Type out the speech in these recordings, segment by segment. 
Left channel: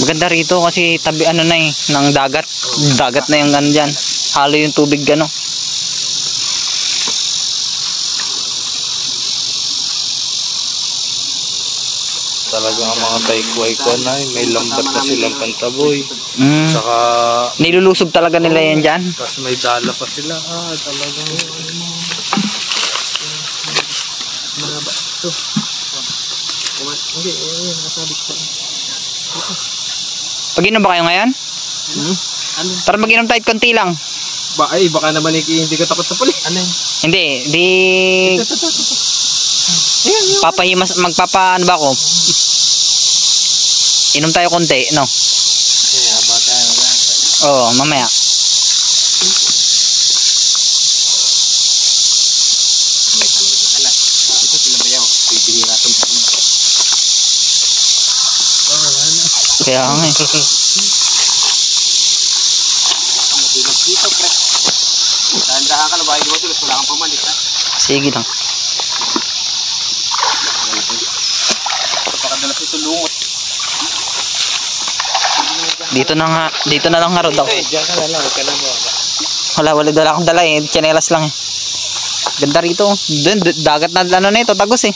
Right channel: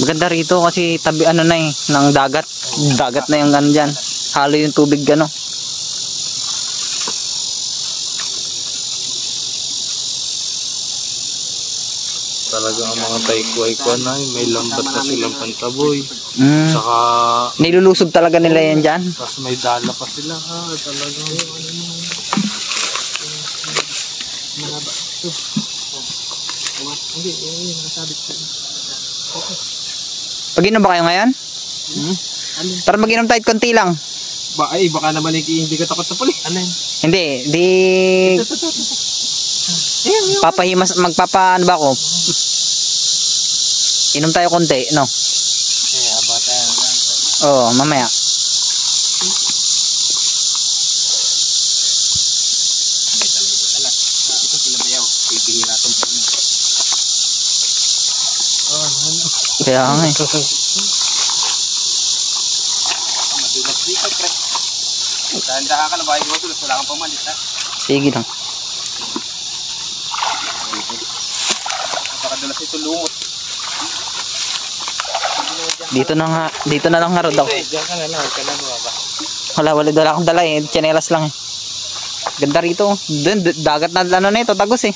Maganda rito kasi tabi ano na ng dagat. Dagat na yung ano dyan. Halo yung tubig ano. Talaga ang mga taykway ko na may lambat na silang pantaboy. Saka nilulusob talaga nila yan dyan. Tapos may dala pa sila. Talagang maraba ito. Hindi, nakasabit sa Pag-inom ba kayo ngayon? Ano? Tara mag-inom tayo konti lang. Baka naman hindi ko takot sa puli. Ano yun? Hindi, papahimas, magpapaano ba ako? Inom tayo konti, no? Kaya bata na lang. Oo, mamaya. May kalabot na kala. Ito sila bayaw. Bibihira itong puli. Kaya nga. Madilas dito, pre. Dahan-dahan ka na ba? Hindi mo wala kang pamalit, ha? Sige lang. Napakadalas ito lumot. Dito na lang harod ako. Diyan ka na lang. Wala dala akong dala eh. Tsinelas lang eh. Ganda rito. Dagat na ano na ito, tagos eh.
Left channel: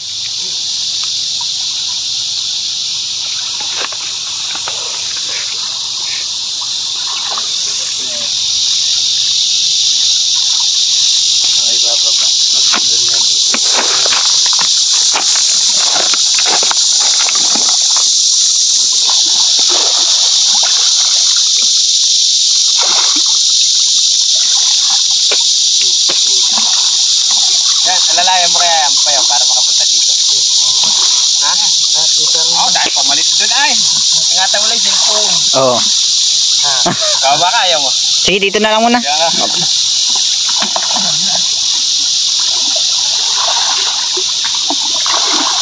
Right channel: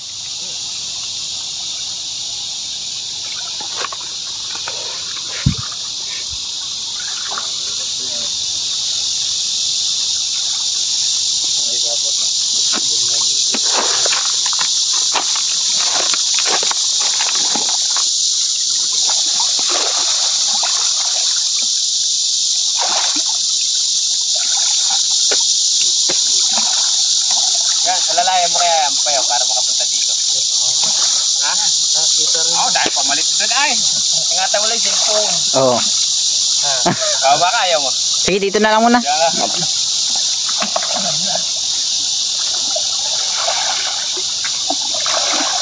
Yan, alalayan mo kaya yan payaw para makapunta dito. Ha? Oo, dahil pamalit doon ay. Ingatan mo lang yung cellphone. Oo. Kaya ba kaya mo? Sige, dito na lang muna.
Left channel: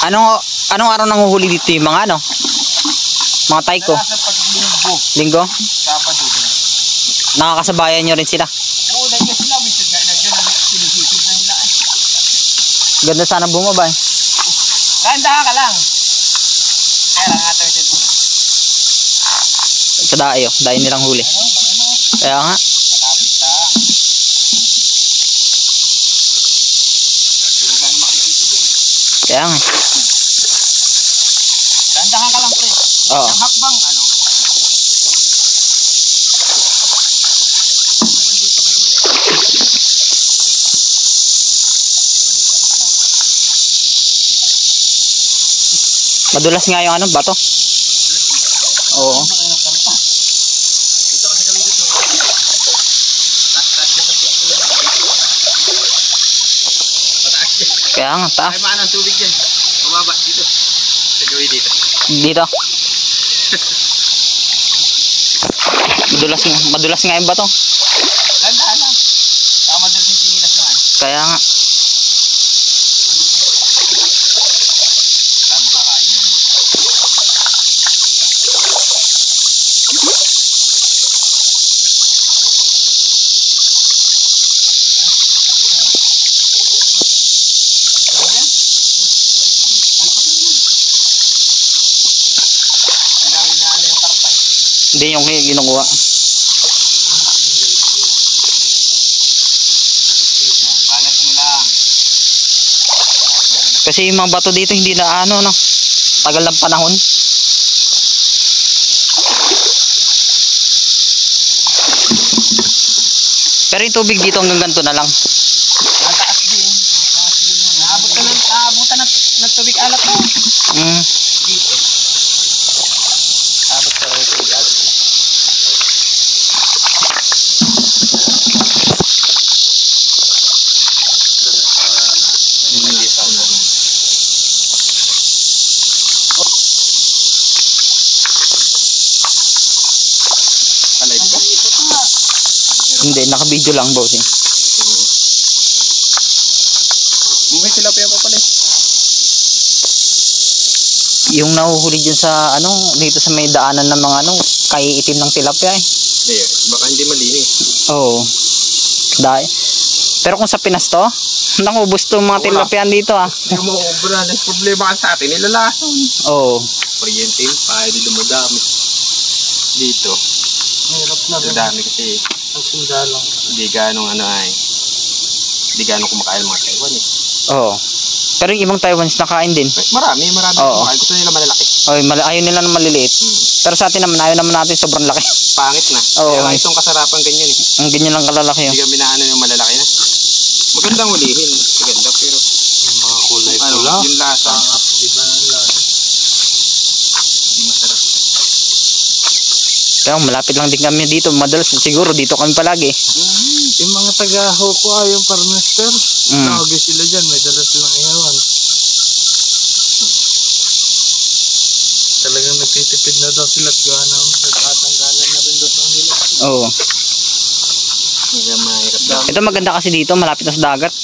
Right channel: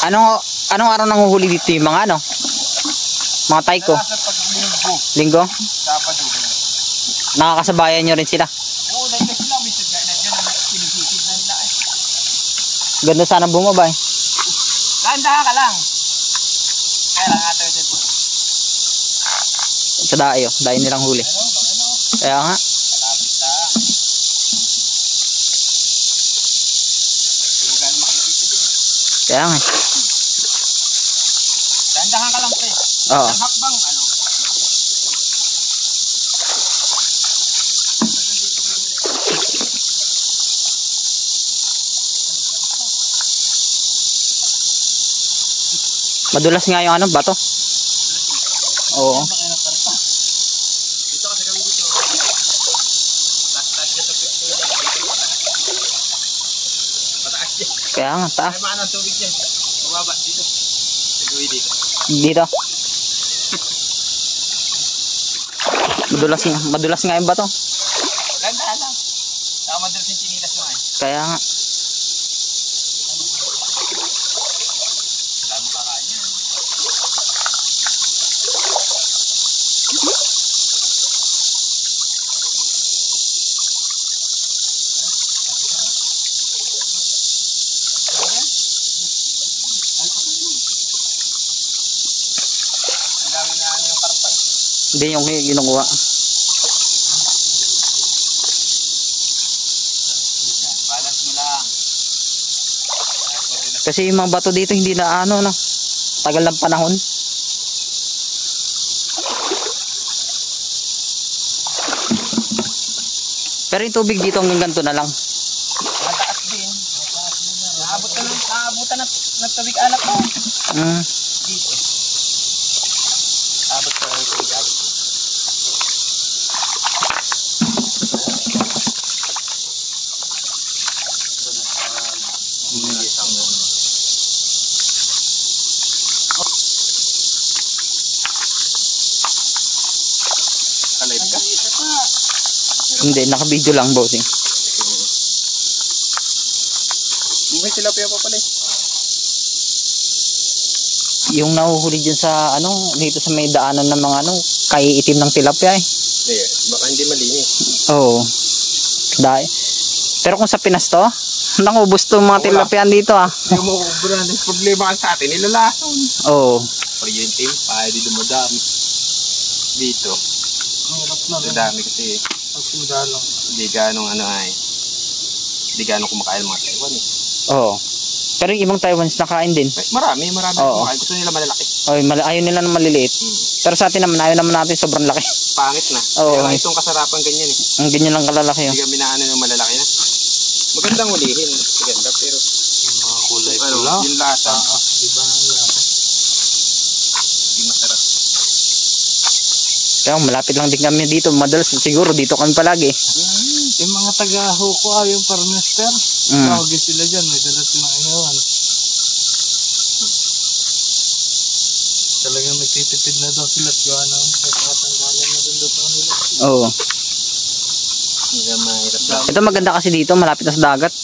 Anong araw nanguhuli dito yung mga ano? Mga tayko? Sa paglinggo. Linggo? Sabado din. Nakakasabayan nyo rin sila? Oo, dahil sila. Minsan gaya na dyan. Sinusisig na nila ay. Ganda sana bumaba eh. Kandahan ka lang. Kaya lang ata yung cellphone. Sa dayo. Dayo nilang huli. Kaya nga. Malapit lang. Pero gano'n makikita dyan. Kaya nga. Kandahan ka lang, pre. Oo. Ang hakbang, ano? Madulas nga yung ano, bato. Oo. Dito kasi kami dito. Taas-taas siya sa pito. Pataas siya. Kaya nga, taas. Ay maan ang tubig dyan. Mababa dito. Sa gawin dito. Dito. Madulas nga yung bato. Ganda lang. Saka madalas yung sinilas naman. Kaya nga. Wala mo kakain yan. Ang dami na ano yung karpa eh. Hindi yung ginukuha. Balance mo lang. Kasi yung mga bato dito hindi na ano, no? Tagal ng panahon. Pero yung tubig dito hanggang ganito na lang. Mataas din. Naabutan ng tubig alat mo. Dito. Abot pa rin yung tubig alat. Kalay ka? Hindi, naka-video lang, bossing. May tilapia pa pala. Yung nahuhuli dyan sa ano, dito sa may daanan ng mga ano, kaiitim ng tilapia eh. Yeah, baka hindi malinis. Oo. Dahil. Pero kung sa Pinas to, nakubos to mga tilapia dito ah. Yung mga ubra, problema ka sa atin, nilalason. Oo. kuryente, pahay di dumadami. Dito, Hirap na rin. dami kasi Ang sindalang. hindi ganong hindi ganong kumakain mga Taiwanese. Oo. Pero yung ibang Taiwanese nakain din. Marami Oo. kumakain. Gusto nila malalaki. Oy, ayaw nila ng maliliit. Pero sa atin naman, ayaw naman natin sobrang laki. Pangit na. Oo. Kaya itong kasarapan ganyan eh. Ang ganyan lang kalalaki Hindi yun. kami naano yung malalaki na. Magandang ulihin. Maganda pero Yung mga kulay pula. yung lasa. Iba ang lasa. Hindi masarap. Kaya malapit lang din kami dito. Madalas siguro dito kami palagi. Yung mga taga-Hoko yung parmester. Tawagin sila dyan. May dala silang ihawan. Talagang nagtitipid na daw sila at gana. Nagtatanggalan na rin daw sa kanila. Oo. Hindi mahirap daw. Ito maganda kasi dito. Malapit na sa dagat.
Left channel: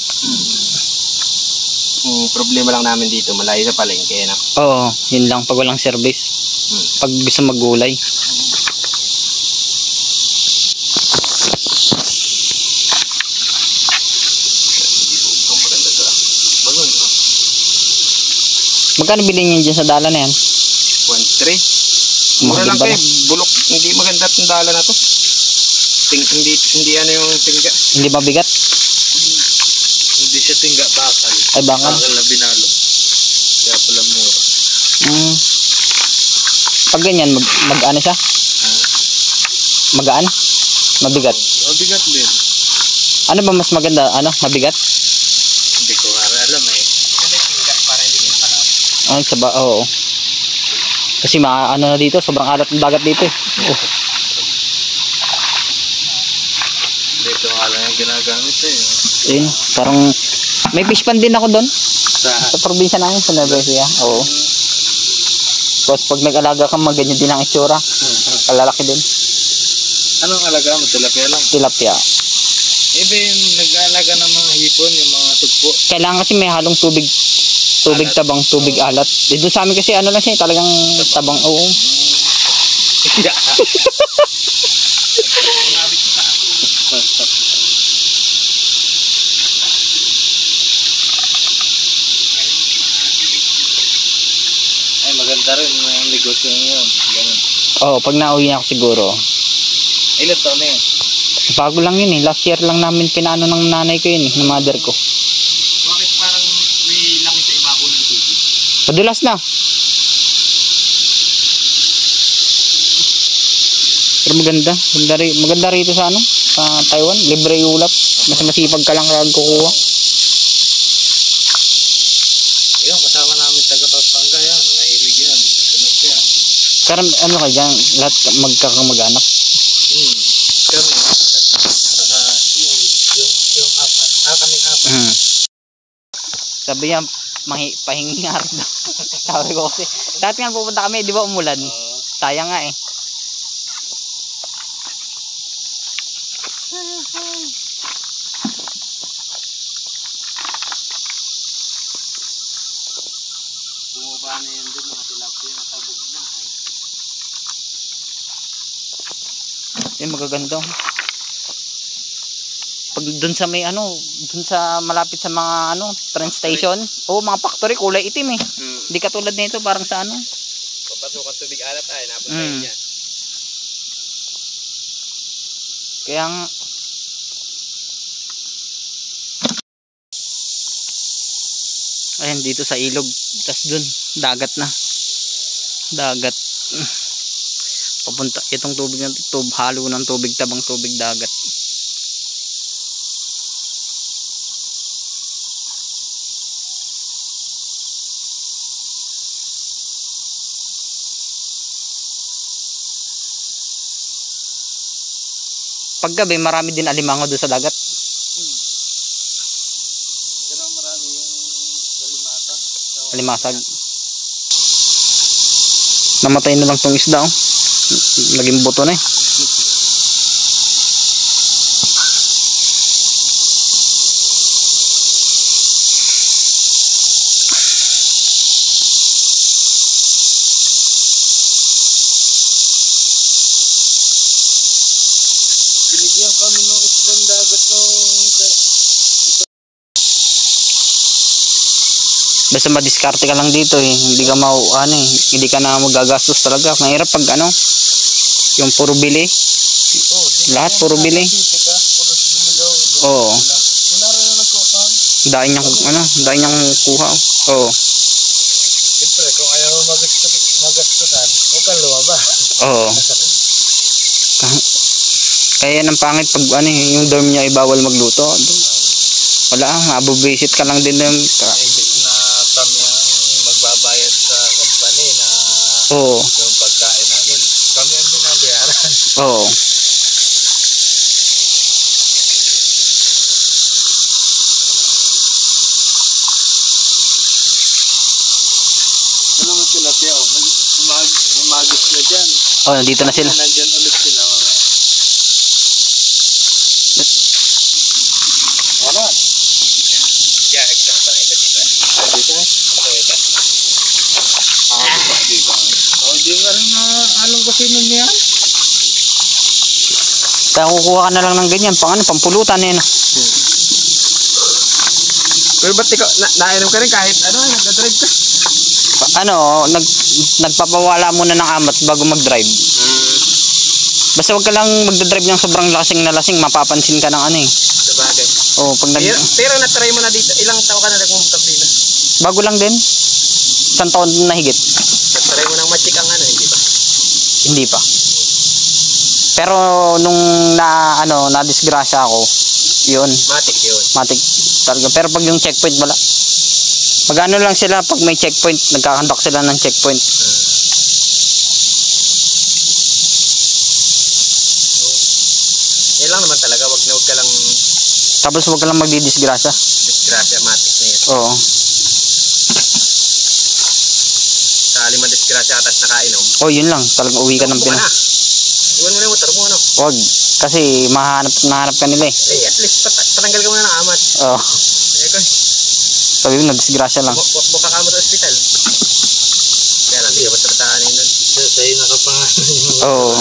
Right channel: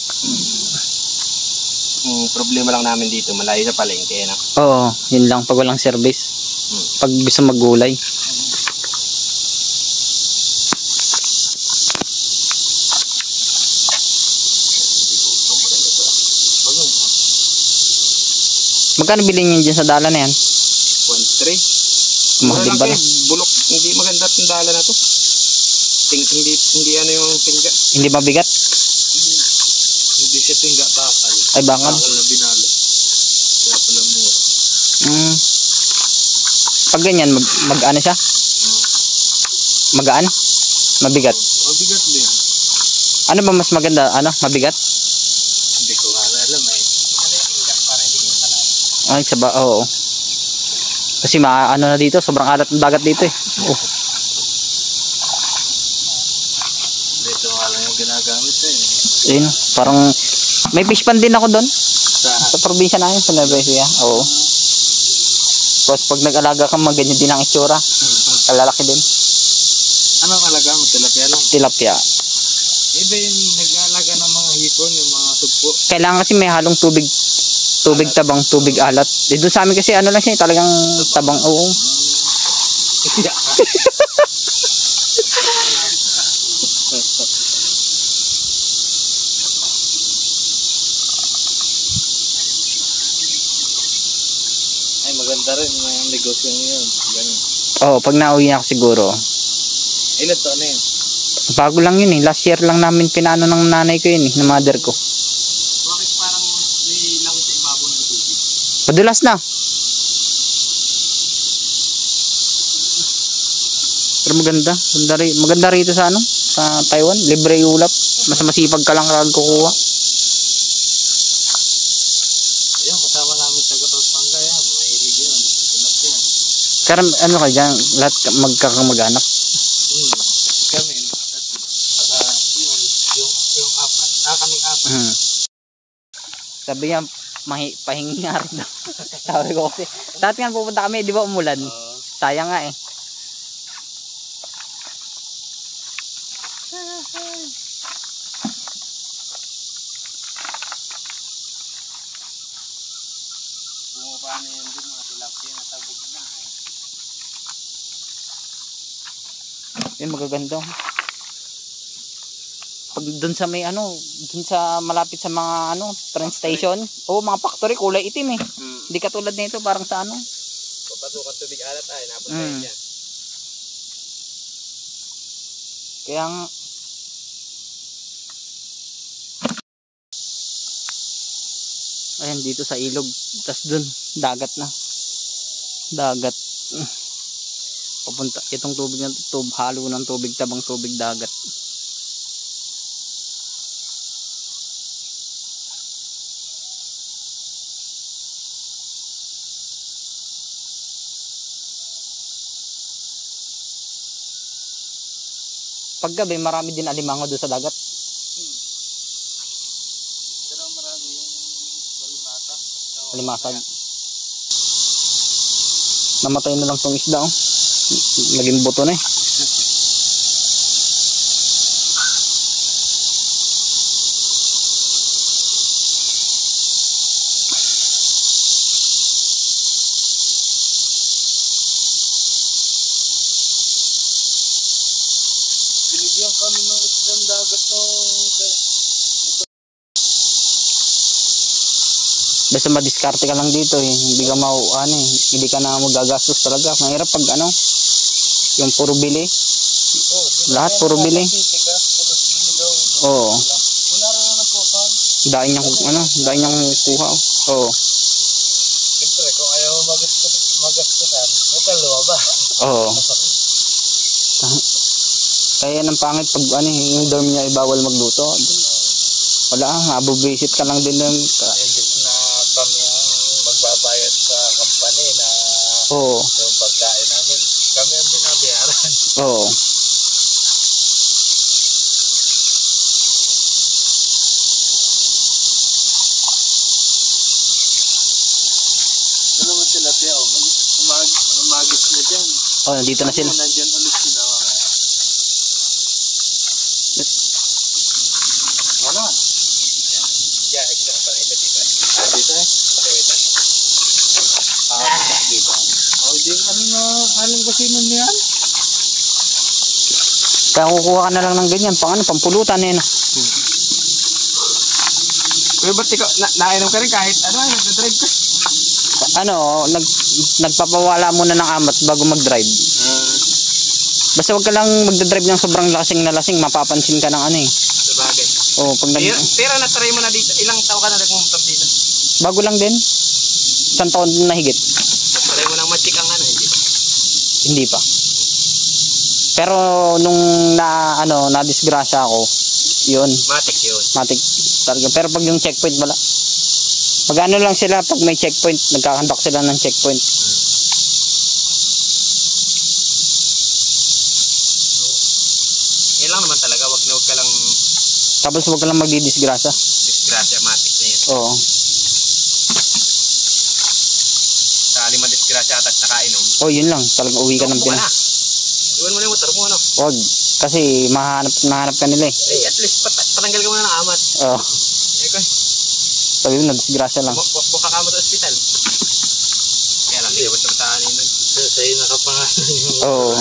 Problema lang namin dito. Malayo sa palengke na. Oo. Yun lang. Pag walang service. Pag gusto maggulay. Magkano bilhin niyo dyan sa dala na yan? 1.3. Mura lang Maganda kayo. Bulok. Hindi maganda itong dala na to. Hindi ano yung tingga. Hindi mabigat? Hindi siya tingga bakal. Ay bakal? Bakal na binalo. Kaya pala mura. Pag ganyan, mag-ano siya? Magaan? Mabigat? Mabigat din. Ano ba mas maganda? Ano? Mabigat? Hindi ko alam eh. Ay, saba, oo. Kasi ano na dito, sobrang alat ng dagat dito eh. Oh. Dito nga lang yung ginagamit eh. Ayun, parang may fish pan din ako doon. Sa Sa probinsya namin, sa Nueva Ecija. Oo. Tapos pag nag-alaga ka, ganyan din ang itsura. Kalalaki din. anong alaga mo? Tilapia lang. Tilapia. Iba yung nag-aalaga ng mga hipon, yung mga sugpo. Kailangan kasi may halong tubig. Tubig tabang, tubig alat. Doon sa amin kasi ano lang siya, talagang tabang. Oo. Yeah. Ay, maganda rin yung negosyo yun. Ganun. Oo, pag nauwi ako siguro. Ilan taon na yun? Bago lang yun eh. Last year lang namin pinano ng nanay ko yun eh, ng mother ko. Bakit parang may langit sa ibabaw ng tubig? Padulas na. Pero maganda rito sa ano, sa Taiwan, libre ulat. Mas masipag ka lang kukuha. Ayun, kasama namin taga-Pampanga yan. Mahilig yan. Tunog yan. Pero ano ka dyan, lahat magkakamag-anak. Kami. Yung apat. Kaming apat. Sabi niya, pahingi nga rin daw. Sabi ko kasi, dati nga pupunta kami, di ba umulan? Sayang nga eh. Bumaba na yan dun, mga tilapia na sabog na. Yan, magaganda. Pag dun sa may ano, dun sa malapit sa mga ano, train station, mga factory, kulay itim eh. Hindi katulad nito, parang sa ano. Papasukan tubig alat ay, napunta yan. Kaya nga, ayan dito sa ilog, tas dun dagat na, dagat. Papunta itong tubig na halo ng tubig tabang, tubig dagat. Paggabi marami din alimango doon sa dagat. Marami yung kalimata. Alimasag. Namatay na lang tong isda oh. Naging buto na eh. Binigyan kami ng islang dagat nung Basta madiskarte ka lang dito eh. Hindi ka hindi ka na magagastos talaga. Mahirap pag yung puro bili. Lahat puro bili. Oo. Dahil niyang kuha. Oo. Siyempre, kung ayaw mo magastusan, huwag kang lumaba. Oo. Kaya yan ang pangit pag yung dorm niya ay bawal magluto. Wala, mabubisit ka lang din. Imbis na kami ang magbabayad sa company na Oo. yung pagkain namin, kami ang binabayaran. Oo. Ano mo sila, Pia? Umagis na dyan. Oh, nandito na sila. Nandyan ulit sila. Ano? Yeah, kita ka pala ito dito. Dito eh? Dito. Dito. Di ka rin na alam kasi nun yan. Kaya kukuha ka na lang ng ganyan. Pampulutan yan. Pero ba't ikaw, nainom ka rin kahit nagdadrive ka? Nagpapawala muna ng amat bago mag-drive. Basta wag ka lang magdadrive ng sobrang lasing na lasing, mapapansin ka ng Sabagay. Oh, pag Pero na-try mo na dito, ilang taon ka na nagmumotor dito? bago lang din. 1 taon na higit. Na-try mo ng ma-check ang hindi ba? Hindi pa. Pero nung na-disgrasya ako, yun. Matik yun. Matik talaga. Pero pag yung checkpoint wala. Magano lang sila pag may checkpoint, nagkakandak sila ng checkpoint. Yan lang naman talaga, wag ka lang Tapos wag ka lang magdidisgrasya. disgrasya, matik na yun. Oo. Sakali ma-disgrasya ka tapos nakainom. Oh, yun lang. Talagang uwi ka ng Iwan mo Pinas. na. Iwan mo na yung motor mo, Wag. Kasi mahanap ka nila eh. at least patanggal ka muna ng amat. Oo. Kung Sabi mo, nagdisgrasya lang. buka ka mo sa ospital. Kaya lang, hindi basta bataan yun doon. Sa'yo nakapangalan yung Oo.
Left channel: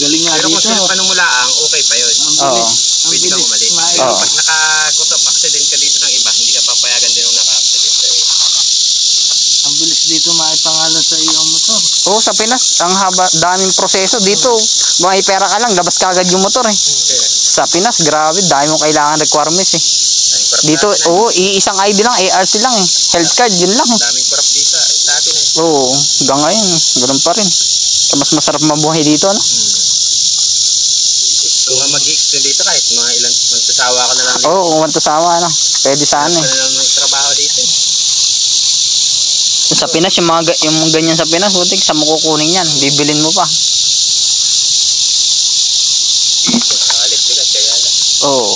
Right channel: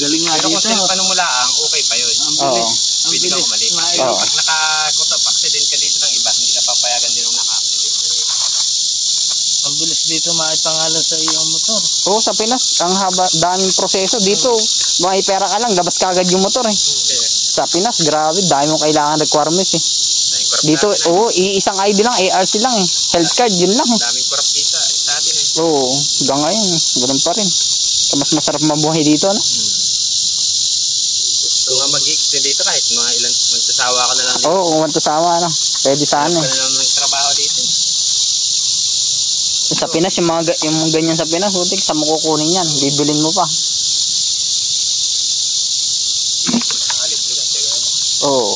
galing nga Pero kung dito. sila panumulaang, okay pa yun. Oo. Pwede kang umalik. Kumain. Pero Oo. pag nakakutap accident ka dito ng iba, hindi ka papayagan din yung naka-accident sa iyo. Ang bilis dito maipangalan sa iyong motor. Oo, sa Pinas, ang daming proseso dito. May pera ka lang, labas ka agad yung motor eh. Sa Pinas, grabe, dami mong kailangan requirements eh. Dito, iisang ID lang, ARC lang, health card, yun lang. Daming korap dito sa atin eh. Oo, hanggang ngayon, ganun pa rin. Mas masarap mabuhay dito, no? Kung mag-extend dito kahit mga ilan, magsasawa ka na lang dito. Oo, kung mantusawa, no? Pwede sana Hanap eh. ka na lang ng trabaho dito eh. Sa Pinas, yung ganyan sa Pinas, butik, sa mo kukunin yan, bibilin mo pa. Dito, nakalibre ka, kaya lang. Oo.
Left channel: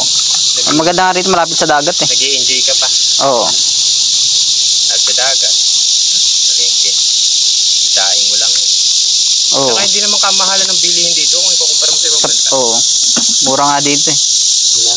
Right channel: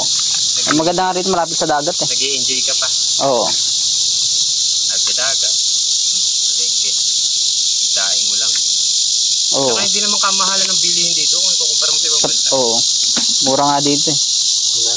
Ang maganda nga rito, malapit sa dagat eh. Nag-i-enjoy ka pa. Oo. At sa dagat. Palengke. Daing mo lang. Oo. Saka hindi naman kamahalan ng bilihin dito kung ikukumpara mo sa ibang bansa. Oo. Mura nga dito eh. Wala?